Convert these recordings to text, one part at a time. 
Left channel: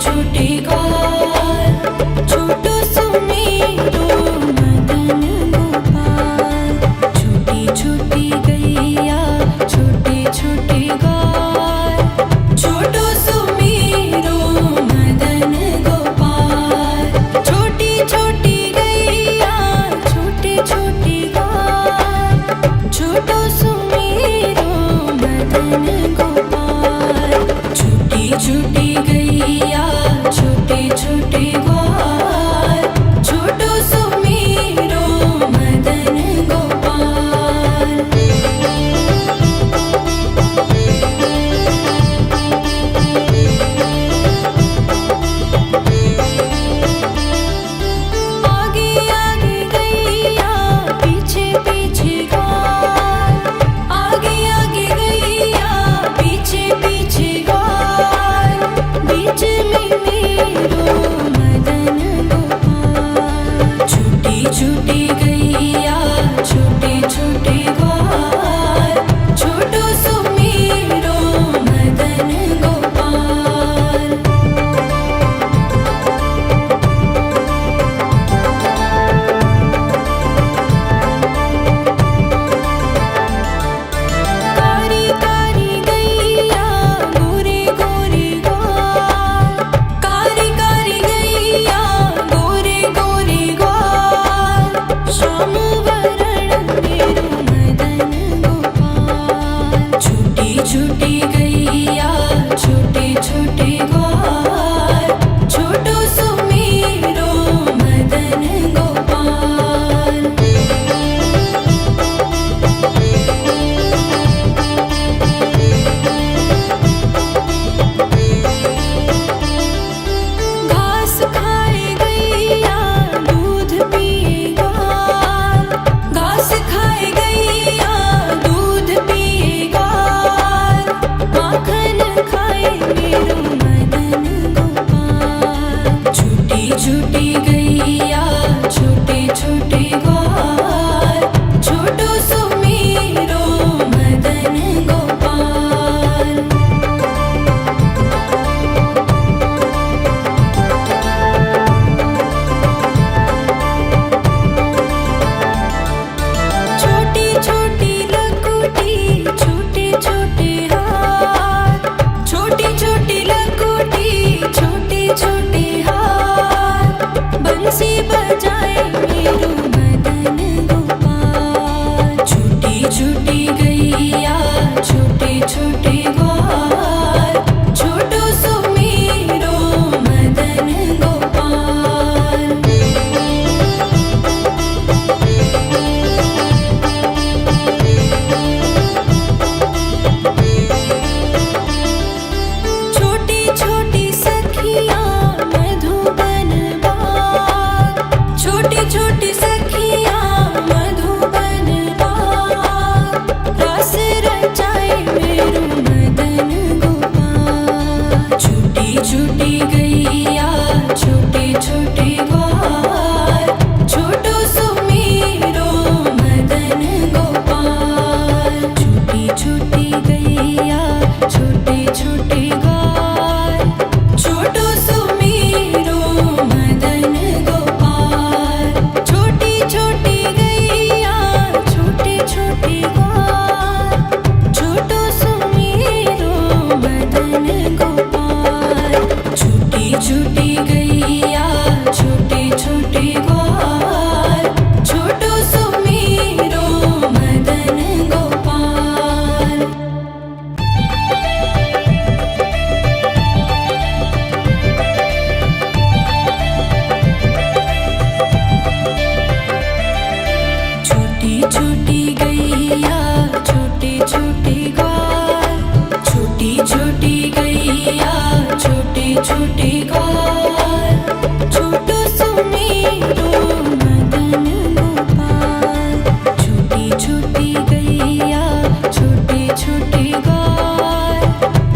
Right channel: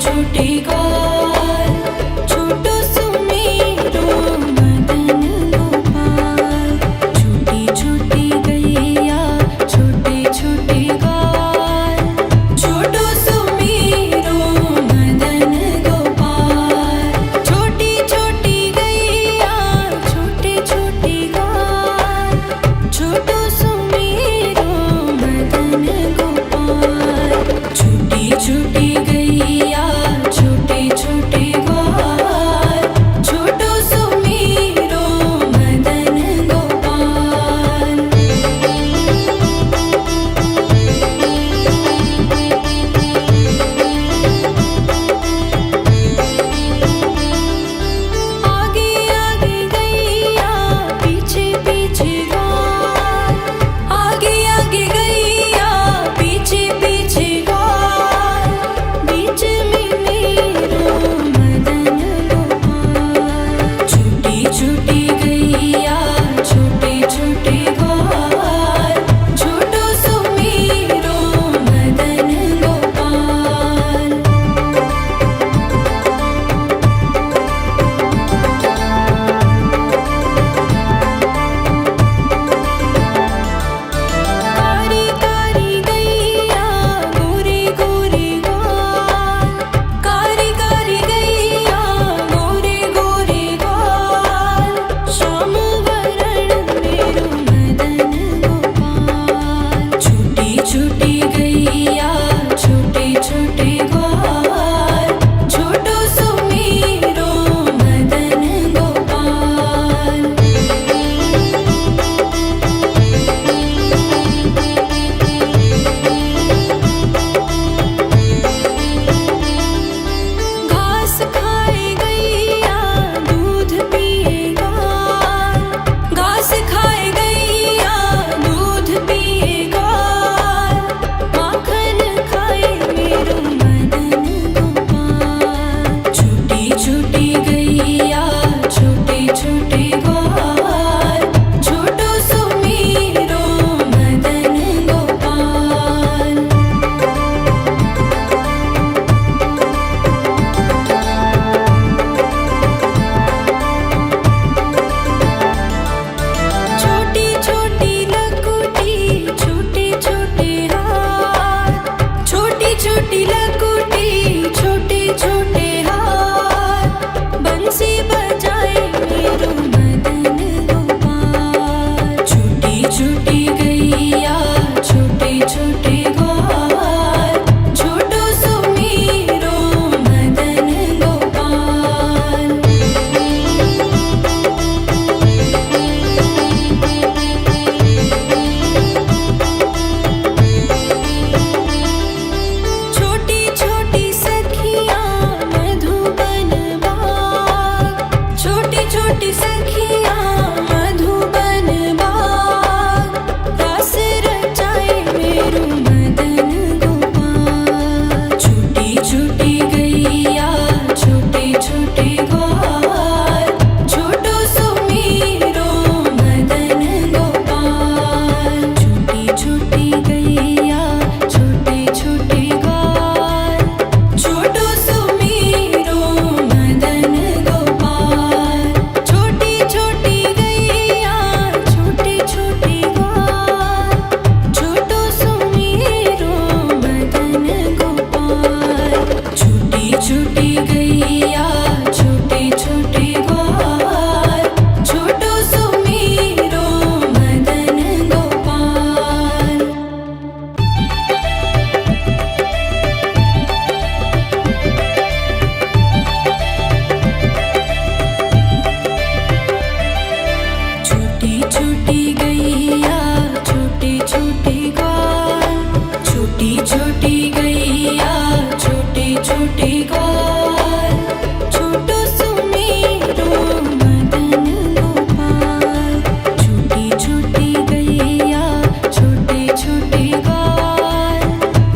छोटे ग्वाल, छोटो सुमेरो मदन गोपाल। छोटी छोटी गैया छोटे छोटे ग्वाल, छोटो सुमेरो मदन गोपाल। छोटी छोटी गैया छोटे छोटे ग्वाल, छोटो सुमेरो मदन गोपाल। छोटी छोटी गैया छोटे छोटे ग्वाल, छोटो सुमेरो मदन गोपाल। आगे आगे गैया पीछे पीछे ग्वाल, आगे आगे गैया पीछे पीछे ग्वाल। बीच में मेरो मदन गोपाल। छोटी छोटी गैया छोटे छोटे ग्वाल, छोटो सुमेरो मदन गोपाल। कारी कारी गैया गोरे गोरे ग्वाल, कारी कारी गैया गोरे गोरे ग्वाल। श्याम वरण मेरो मदन गोपाल। छोटी छोटी गैया छोटे छोटे ग्वाल, छोटो सुमेरो मदन गोपाल। घास खाए गैया दूध पिए ग्वाल, घास खाए गैया दूध पिए ग्वाल। माखन खाए मेरो मदन गोपाल। छोटी छोटी गैया छोटे छोटे ग्वाल, छोटो सुमेरो मदन गोपाल। छोटी छोटी लकुटी छोटे छोटे हाथ, छोटी छोटी लकुटी छोटे छोटे हाथ। बंसी बजाए मेरो मदन गोपाल। छोटी छोटी गैया छोटे छोटे ग्वाल, छोटो सुमेरो मदन गोपाल। छोटी छोटी सखियाँ मधुबन बाग, छोटी छोटी सखियाँ मधुबन बाग। रास रचाए मेरो मदन गोपाल। छोटी छोटी गैया छोटे छोटे ग्वाल, छोटो सुमेरो मदन गोपाल। छोटी छोटी गैया छोटे छोटे ग्वाल, छोटो सुमेरो मदन गोपाल। छोटी छोटी गैया छोटे छोटे ग्वाल, छोटो सुमेरो मदन गोपाल। छोटी छोटी गैया छोटे छोटे ग्वाल, छोटो सुमेरो मदन गोपाल। छोटी छोटी गैया छोटे छोटे ग्वाल, छोटी छोटी गैया छोटे छोटे ग्वाल, छोटो सुमेरो मदन गोपाल। छोटी छोटी गैया छोटे छोटे ग्वाल,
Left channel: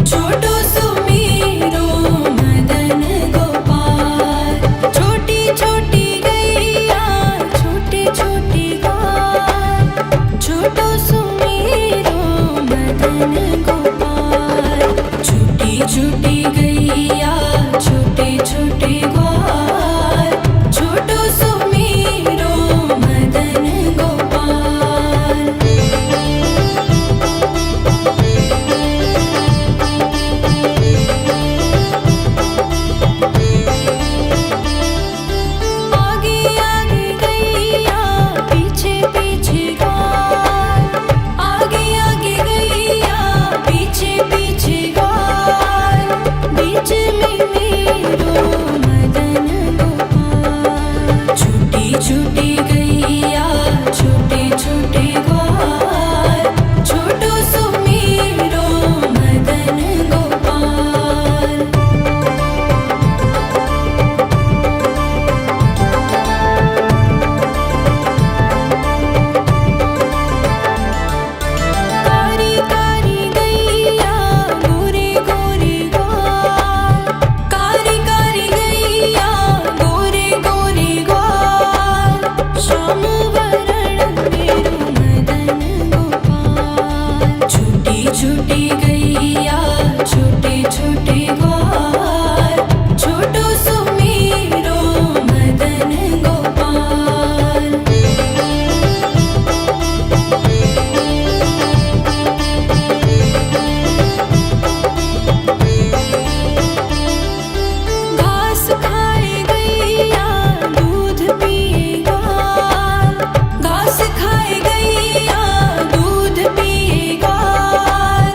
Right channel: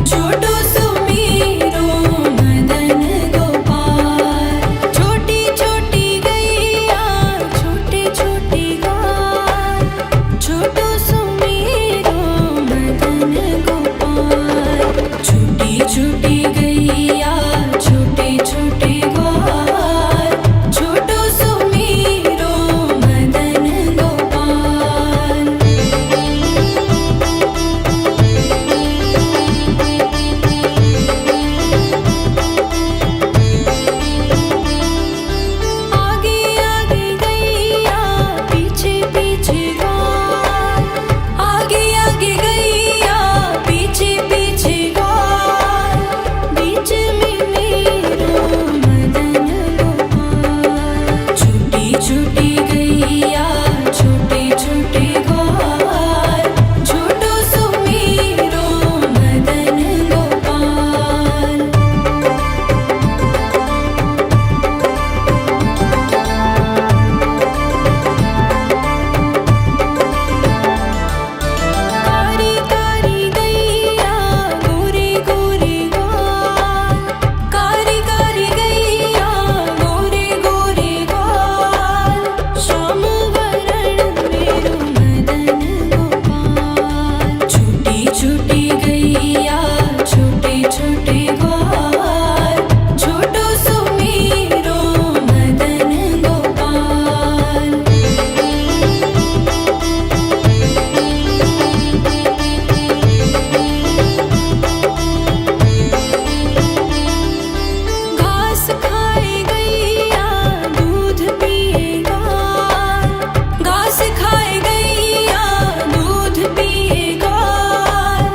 छोटो सुमेरो मदन गोपाल। छोटी छोटी गैया छोटे छोटे ग्वाल, छोटो सुमेरो मदन गोपाल। छोटी छोटी गैया छोटे गैया छोटे छोटे ग्वाल छोटो सुमेरो मदन गोपाल। घास खाए गैया दूध पिए ग्वाल घास खाए गैया दूध पिए ग्वाल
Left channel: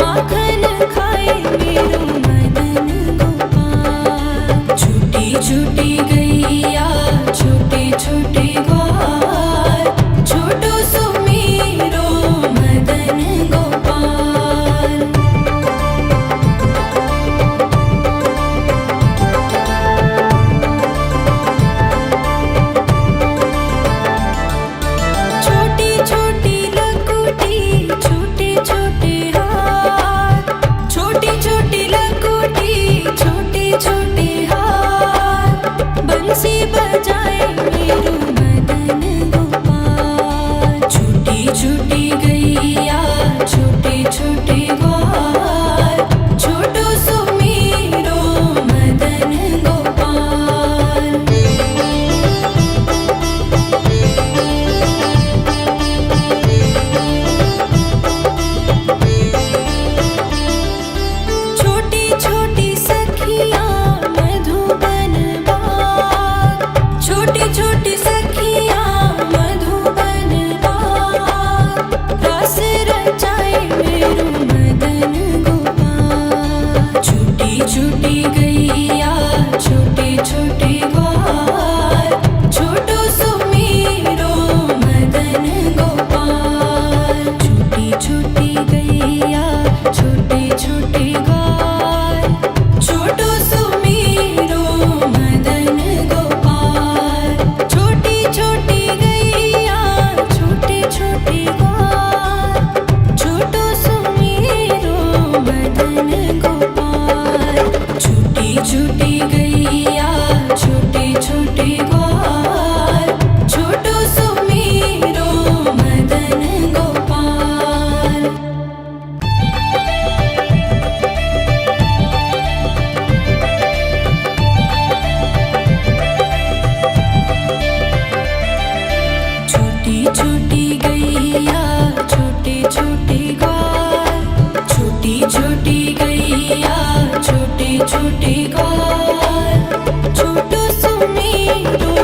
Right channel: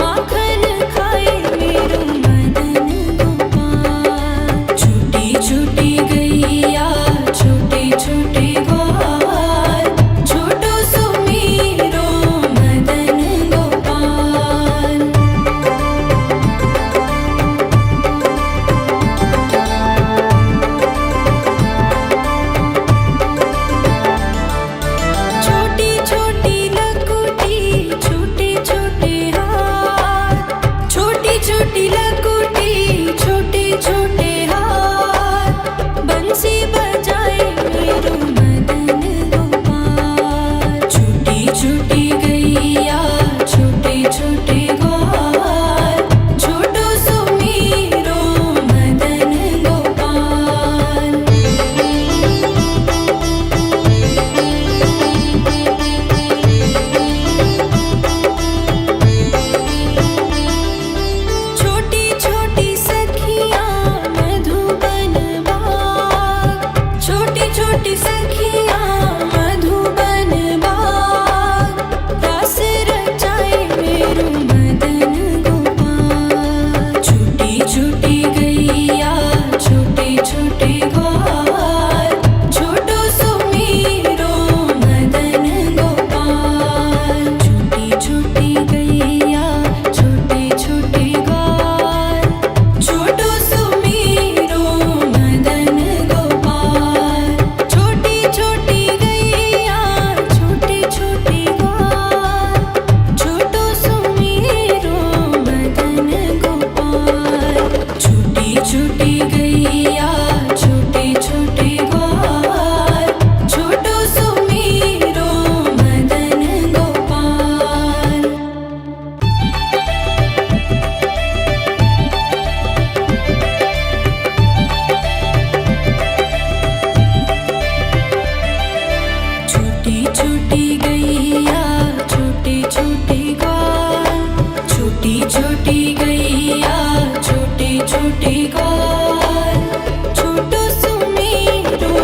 माखन खाए मेरो मदन गोपाल। छोटी छोटी गैया छोटे छोटे ग्वाल छोटो सुमेरो मदन गोपाल। छोटी छोटी लकुटी छोटे छोटे हाथ छोटी छोटी लकुटी छोटे छोटे हाथ बंसी बजाए मेरो मदन गोपाल। छोटी छोटी गैया छोटे छोटे ग्वाल छोटो सुमेरो मदन गोपाल। छोटी छोटी सखियाँ मधुबन बाग छोटी छोटी सखियाँ मधुबन बाग रास रचाए मेरो मदन गोपाल। छोटी छोटी गैया छोटे छोटे ग्वाल छोटो सुमेरो मदन गोपाल। छोटी छोटी गैया छोटे छोटे ग्वाल छोटो सुमेरो मदन गोपाल। छोटी छोटी गैया छोटे छोटे ग्वाल छोटो सुमेरो मदन गोपाल। छोटी छोटी गैया छोटे छोटे ग्वाल छोटो सुमेरो मदन गोपाल। छोटी छोटी गैया छोटे छोटे ग्वाल छोटी छोटी गैया छोटे छोटे ग्वाल छोटो सुमेरो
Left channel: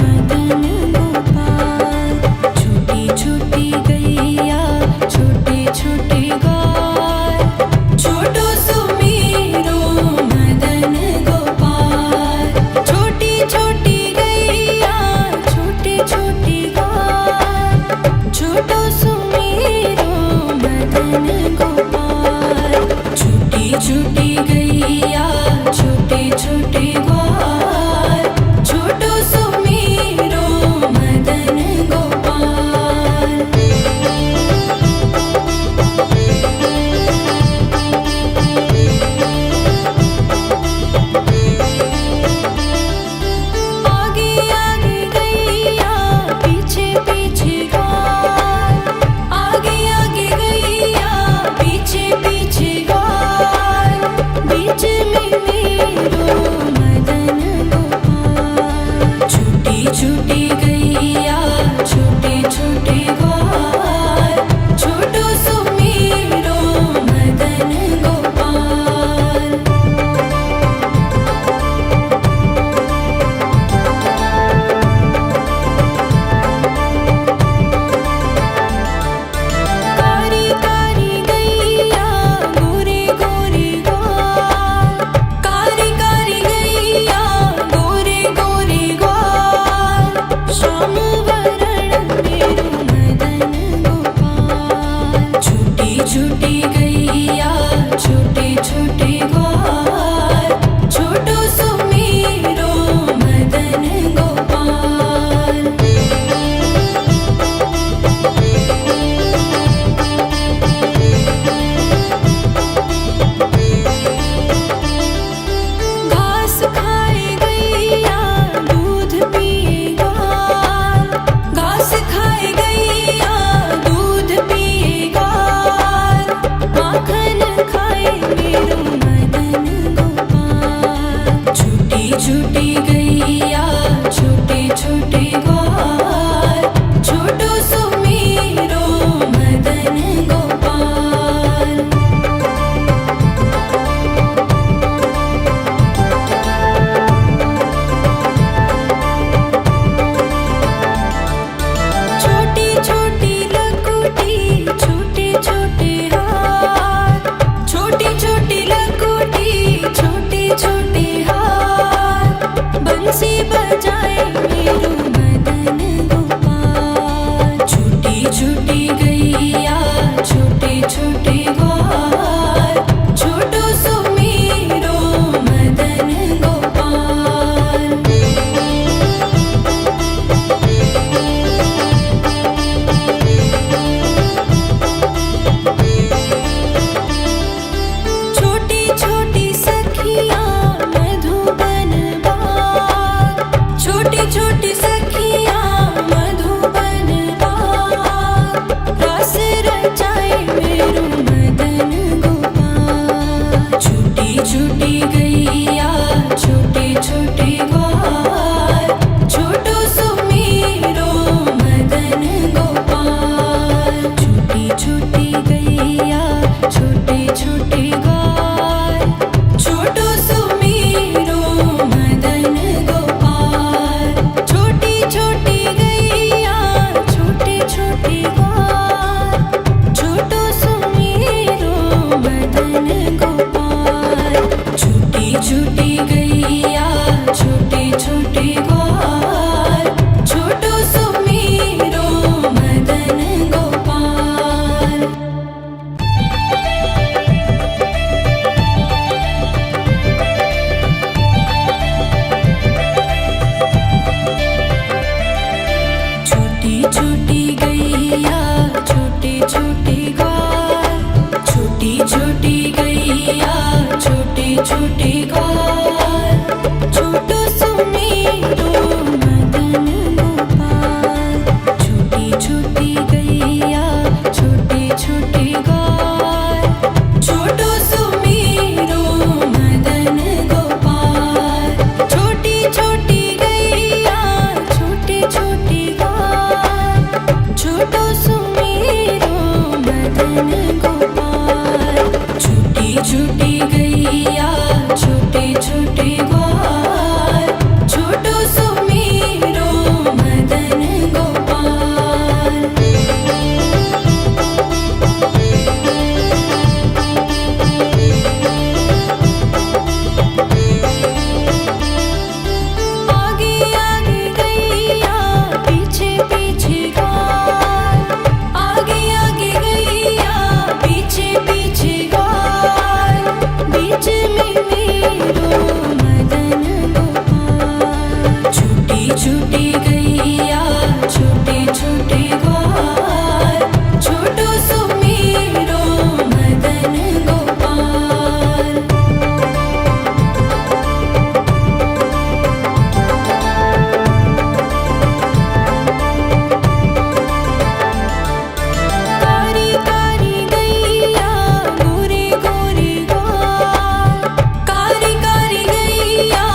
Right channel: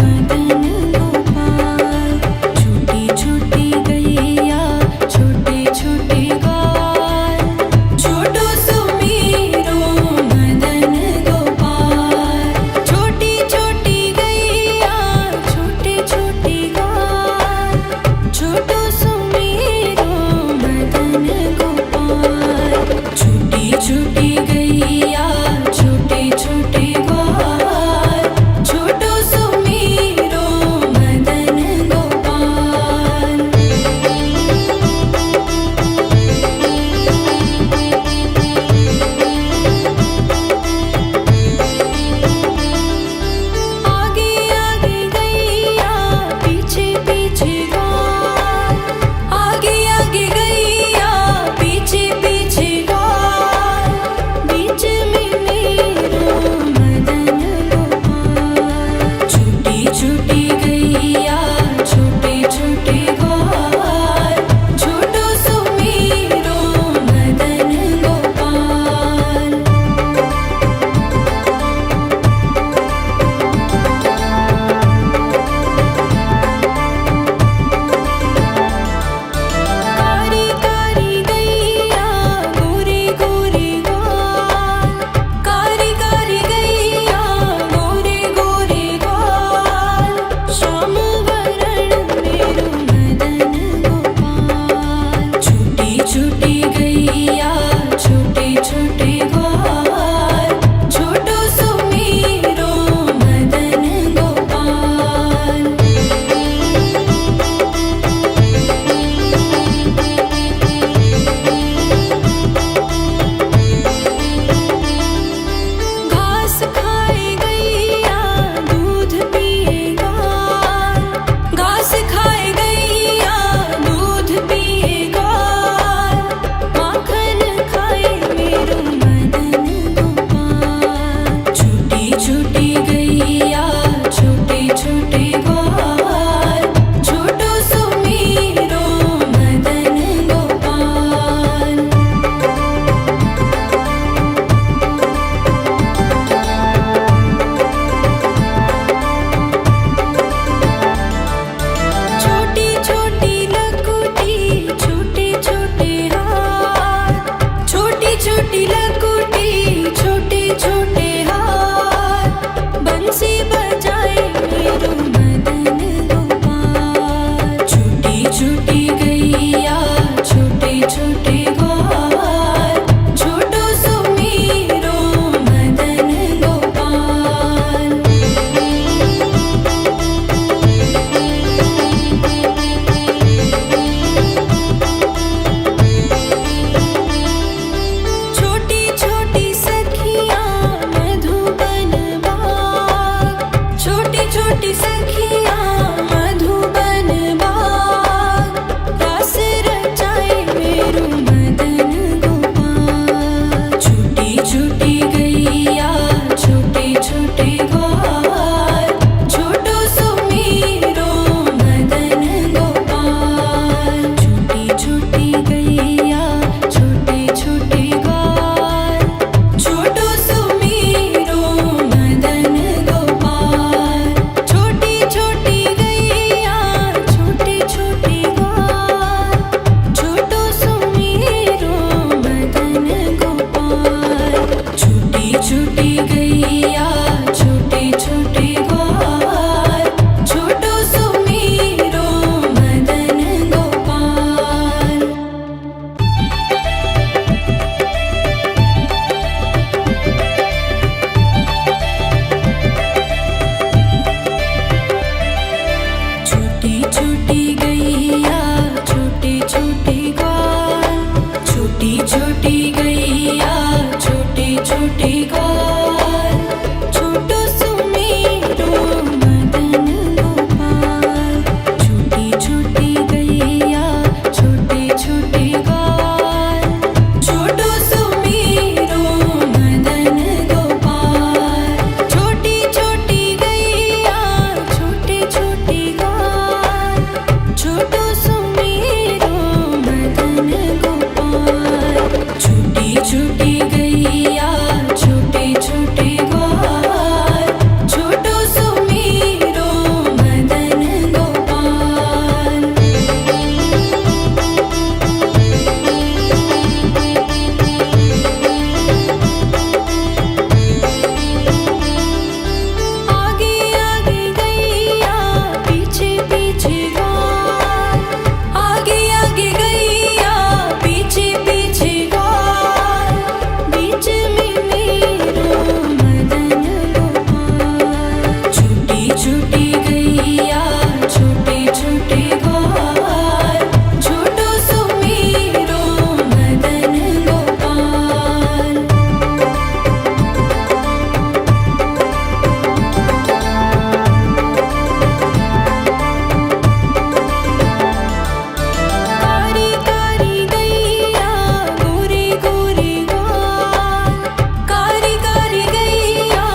मदन गोपाल। छोटी छोटी गैया छोटे छोटे ग्वाल छोटो सुमेरो मदन गोपाल। छोटी छोटी गैया छोटे छोटे ग्वाल छोटो सुमेरो मदन गोपाल। छोटी लकुटी छोटे छोटे हाथ बंसी बजाए मेरो मदन गोपाल। छोटी छोटी गैया छोटे छोटे ग्वाल छोटो सो मेरो मदन गोपाल। छोटी छोटी सखियाँ मधुबन बाग छोटी छोटी सखियाँ मधुबन बाग रस रचाए मेरो मदन गोपाल। छोटी छोटी गैया छोटे छोटे ग्वाल छोटो सो मेरो मदन गोपाल। छोटी छोटी गैया छोटे छोटे ग्वाल छोटो सो मेरो मदन गोपाल। छोटी छोटी गैया छोटे छोटे ग्वाल छोटो सो मेरो मदन गोपाल। छोटी छोटी गैया छोटे छोटे ग्वाल छोटो सो मेरो मदन गोपाल। छोटी छोटी गैया छोटे छोटे ग्वाल छोटी छोटी गैया छोटे छोटे ग्वाल छोटो सो मेरो मदन गोपाल। छोटी छोटी गैया छोटे छोटे ग्वाल छोटो सो मेरो मदन गोपाल। छोटी छोटी गैया छोटे छोटे ग्वाल छोटो सो मेरो मदन गोपाल। छोटी छोटी गैया छोटे छोटे ग्वाल छोटो सो मेरो मदन गोपाल। आगे आगे गैया पीछे पीछे ग्वाल आगे आगे गैया पीछे पीछे ग्वाल बीच में मेरो मदन गोपाल। छोटी छोटी गैया छोटे छोटे ग्वाल छोटो सो मेरो मदन गोपाल। कारी कारी गैया गोरे गोरे ग्वाल कारी कारी गैया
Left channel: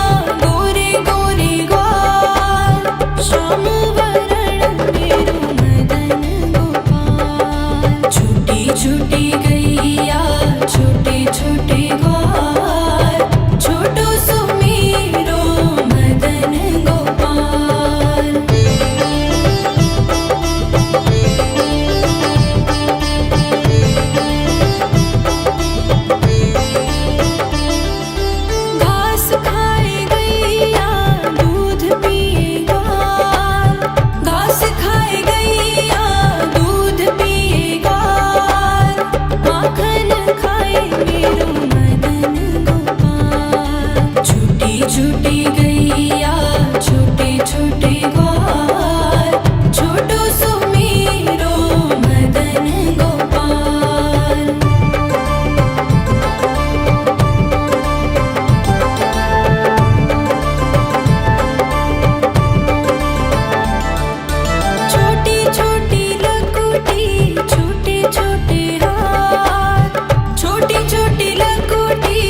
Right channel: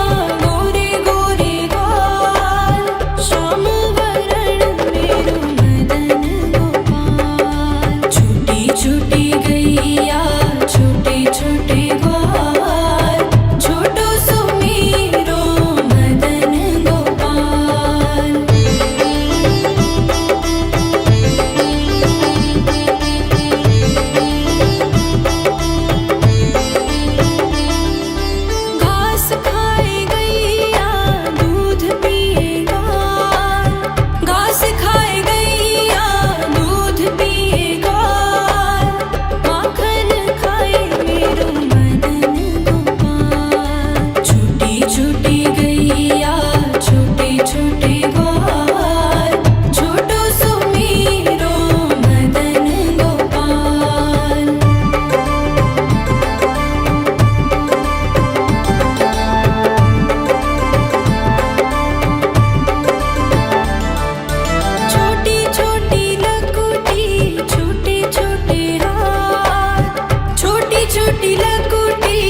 गोरे गोरे ग्वाल श्याम वरण मेरो मदन गोपाल। छोटी छोटी गैया छोटे छोटे ग्वाल छोटो सो मेरो मदन गोपाल। घास खाए गैया दूध पिए ग्वाल घास खाए गैया दूध पिए ग्वाल माखन खाए मेरो मदन गोपाल। छोटी छोटी गैया छोटे छोटे ग्वाल छोटो सो मेरो मदन गोपाल। छोटी छोटी लकुटी छोटे छोटे हाथ छोटी छोटी लकुटी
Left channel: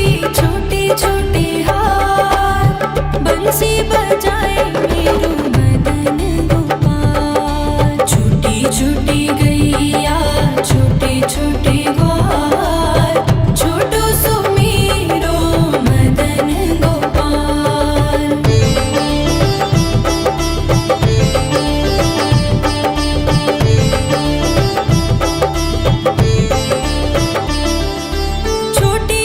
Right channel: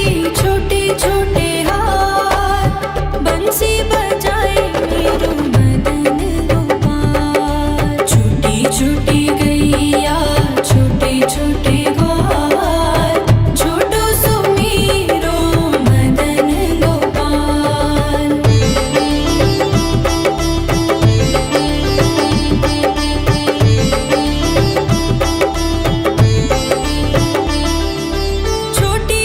छोटे छोटे हाथ बंसी बजाए मेरो मदन गोपाल। छोटी छोटी गैया छोटे छोटे ग्वाल छोटो सो मेरो मदन गोपाल। छोटी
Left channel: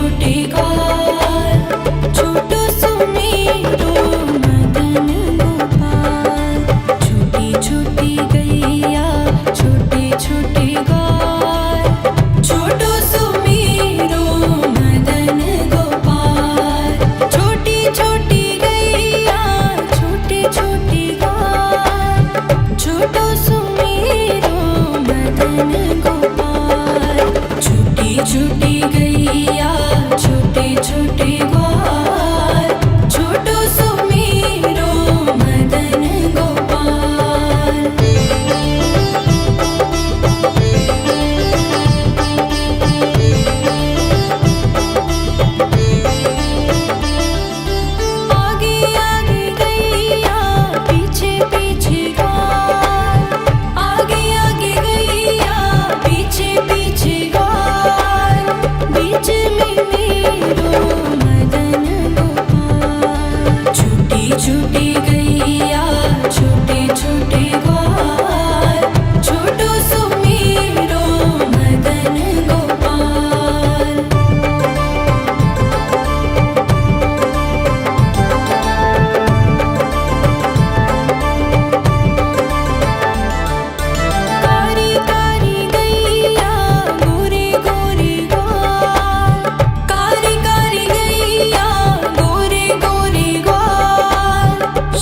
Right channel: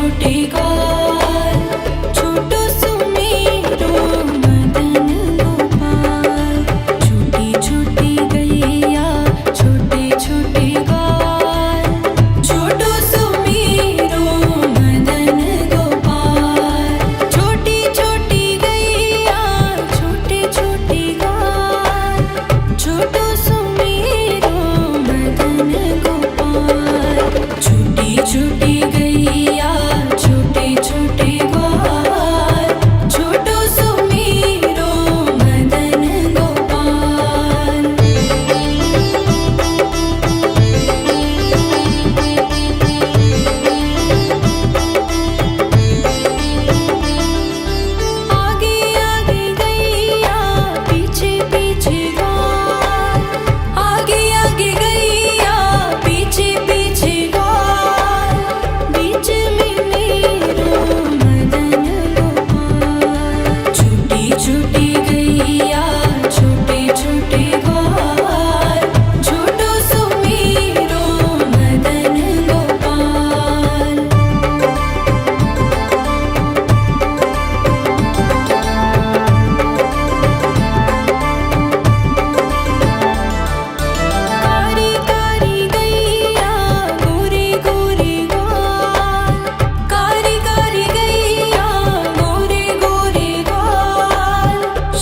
छोटे ग्वाल, छोटो सुमेरो मदन गोपाल। छोटी छोटी गैया छोटे छोटे ग्वाल, छोटो सुमेरो मदन गोपाल। छोटी छोटी गैया छोटे छोटे ग्वाल, छोटो सुमेरो मदन गोपाल। छोटी छोटी गैया छोटे छोटे ग्वाल, छोटो सुमेरो मदन गोपाल। आगे आगे गैया पीछे पीछे ग्वाल, आगे आगे गैया पीछे पीछे ग्वाल। बीच में मेरो मदन गोपाल। छोटी छोटी गैया छोटे छोटे ग्वाल, छोटो सुमेरो मदन गोपाल। कारी कारी गैया गोरे गोरे ग्वाल, कारी कारी गैया गोरे गोरे ग्वाल।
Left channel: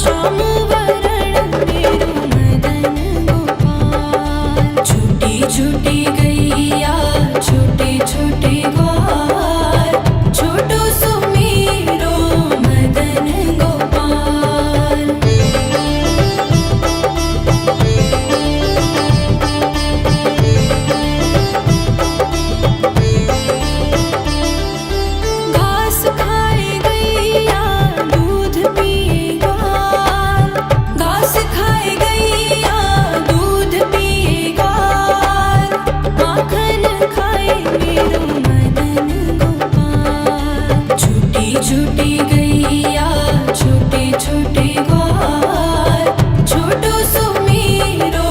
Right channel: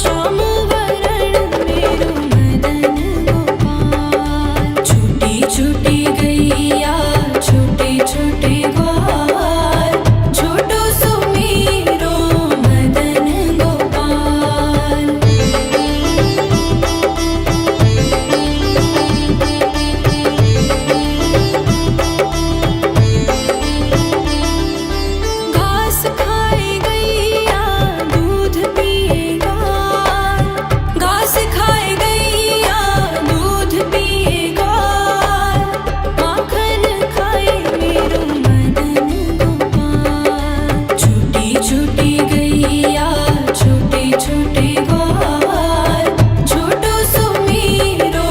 श्याम वरण मेरो मदन गोपाल। छोटी छोटी गैया छोटे छोटे ग्वाल, छोटो सुमेरो मदन गोपाल। घास खाए गैया दूध पिए ग्वाल, घास खाए गैया दूध पिए ग्वाल। माखन खाए मेरो मदन गोपाल। छोटी छोटी गैया छोटे छोटे ग्वाल, छोटो सुमेरो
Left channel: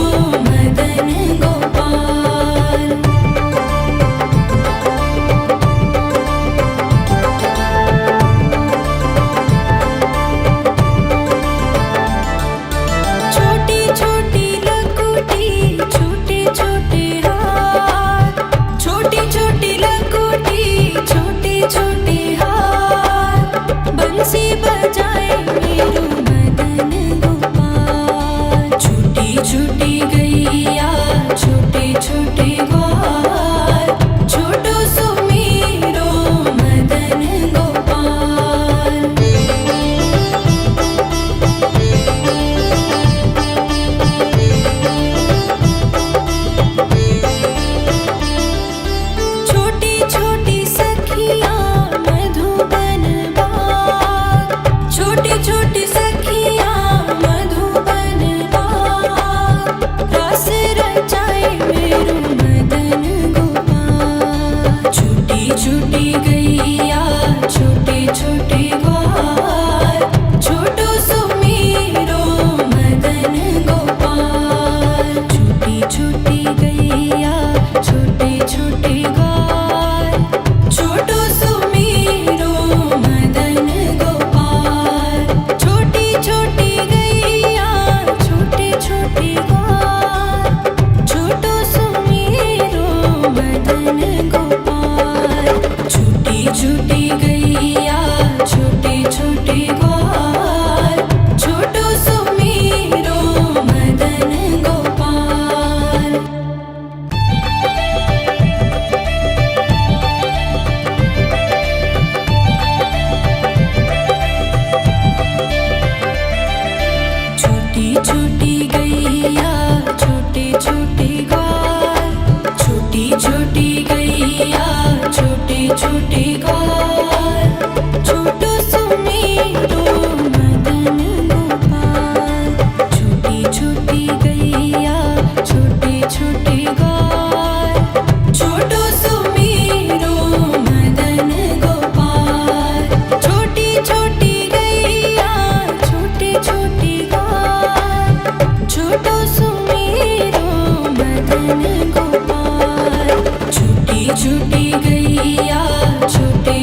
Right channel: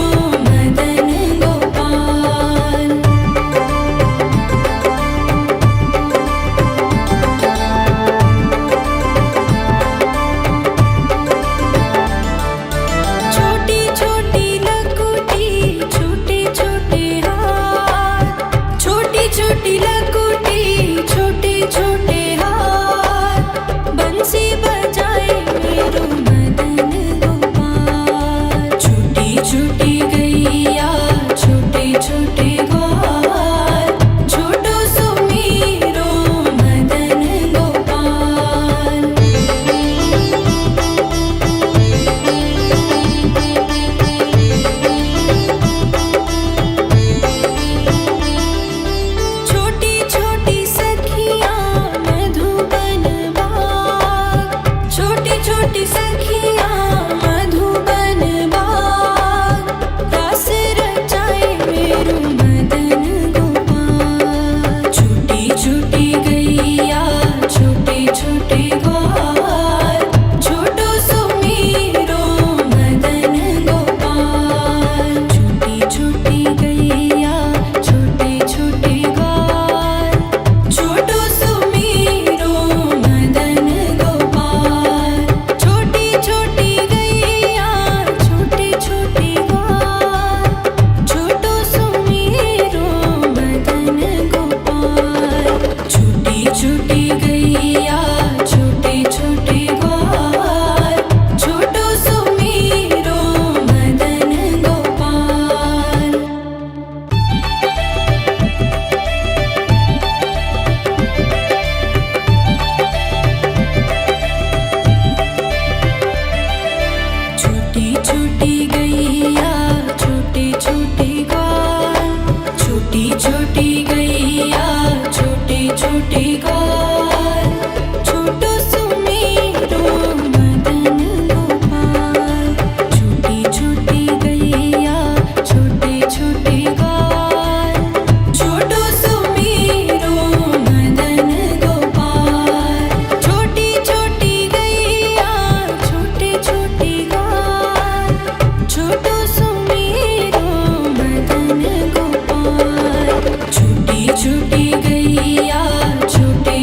मदन गोपाल। छोटी छोटी लकुटी छोटे छोटे हाथ, छोटी छोटी लकुटी छोटे छोटे हाथ। बंसी बजाए मेरो मदन गोपाल। छोटी छोटी गैया छोटे छोटे ग्वाल, छोटो सुमेरो मदन गोपाल। छोटी छोटी सखियाँ मधुबन बाग, छोटी छोटी सखियाँ मधुबन बाग। रास रचाए मेरो मदन गोपाल। छोटी छोटी गैया छोटे छोटे ग्वाल, छोटो सुमेरो मदन गोपाल। छोटी छोटी गैया छोटे छोटे ग्वाल, छोटो सुमेरो मदन गोपाल। छोटी छोटी गैया छोटे छोटे ग्वाल, छोटो सुमेरो मदन गोपाल। छोटी छोटी गैया छोटे छोटे ग्वाल, छोटो सुमेरो मदन गोपाल। छोटी छोटी गैया छोटे छोटे ग्वाल, छोटी छोटी गैया छोटे छोटे ग्वाल, छोटो सुमेरो मदन गोपाल। छोटी छोटी गैया छोटे छोटे ग्वाल, छोटो सुमेरो मदन गोपाल। छोटी छोटी गैया छोटे छोटे ग्वाल, छोटो सुमेरो मदन गोपाल। छोटी छोटी गैया छोटे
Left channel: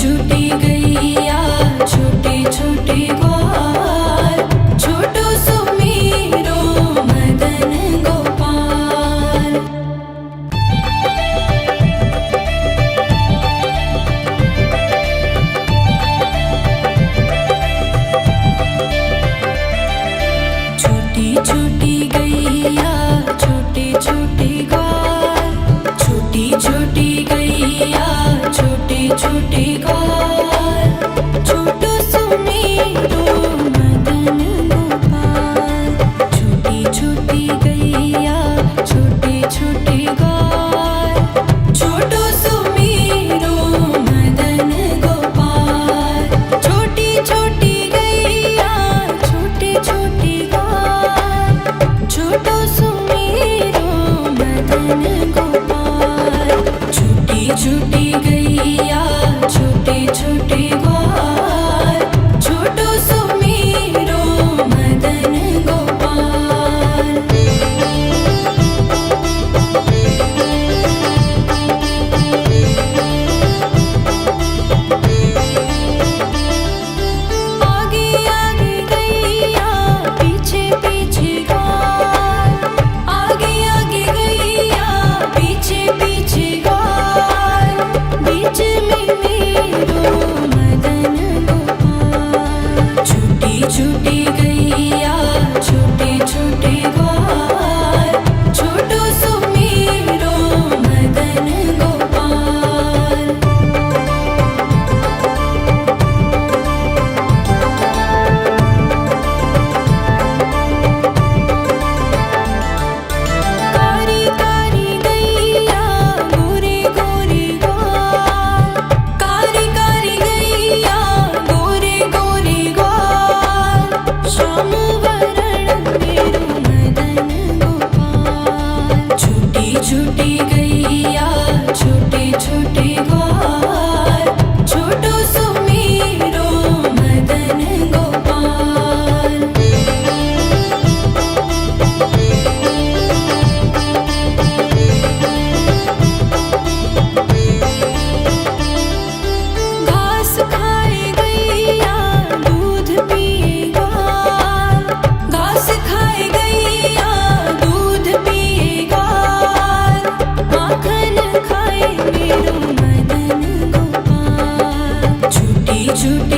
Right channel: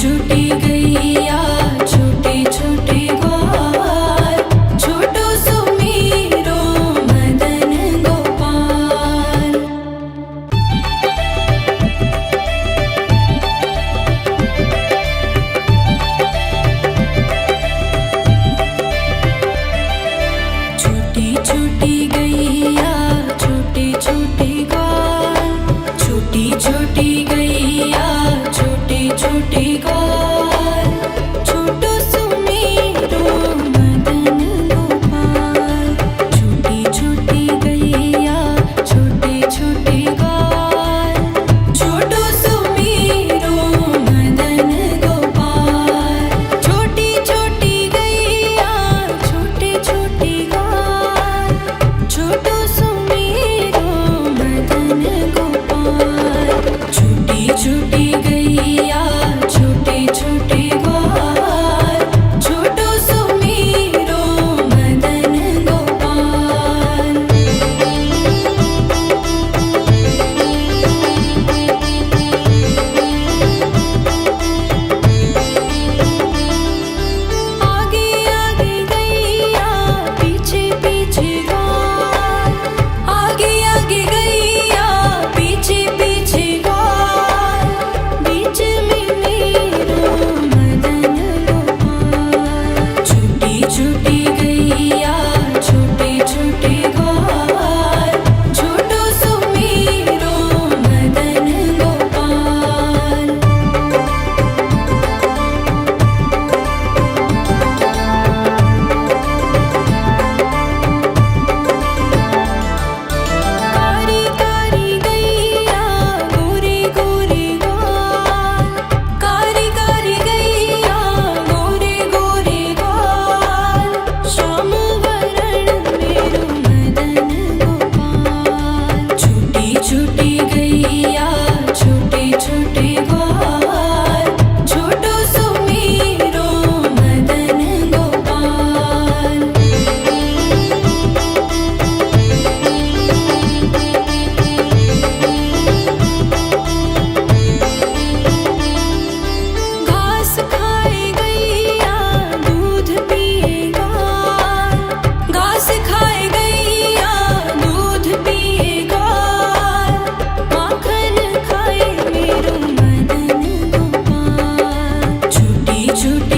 छोटी गैया छोटे छोटे ग्वाल, छोटो सुमीरो मदन गोपाल। छोटी छोटी गैया छोटे छोटे ग्वाल, छोटी छोटी गैया छोटे छोटे ग्वाल, छोटो सुमीरो मदन गोपाल। छोटी छोटी गैया छोटे छोटे ग्वाल, छोटो सुमीरो मदन गोपाल। छोटी छोटी गैया छोटे छोटे ग्वाल, छोटो सुमीरो मदन गोपाल। छोटी छोटी गैया छोटे छोटे ग्वाल, छोटो सुमीरो मदन गोपाल। आगे आगे गैया पीछे पीछे ग्वाल, आगे आगे गैया पीछे पीछे ग्वाल, बीच में मेरो मदन गोपाल। छोटी छोटी गैया छोटे छोटे ग्वाल, छोटो सुमीरो मदन गोपाल। कारी कारी गैया गोरे गोरे ग्वाल, कारी कारी गैया गोरे गोरे ग्वाल, श्याम वरण मेरो मदन गोपाल। छोटी छोटी गैया छोटे छोटे ग्वाल, छोटो सुमीरो मदन गोपाल। घास खाए गैया दूध पिए ग्वाल, घास खाए गैया दूध पिए ग्वाल, माखन खाए मेरो मदन गोपाल। छोटी छोटी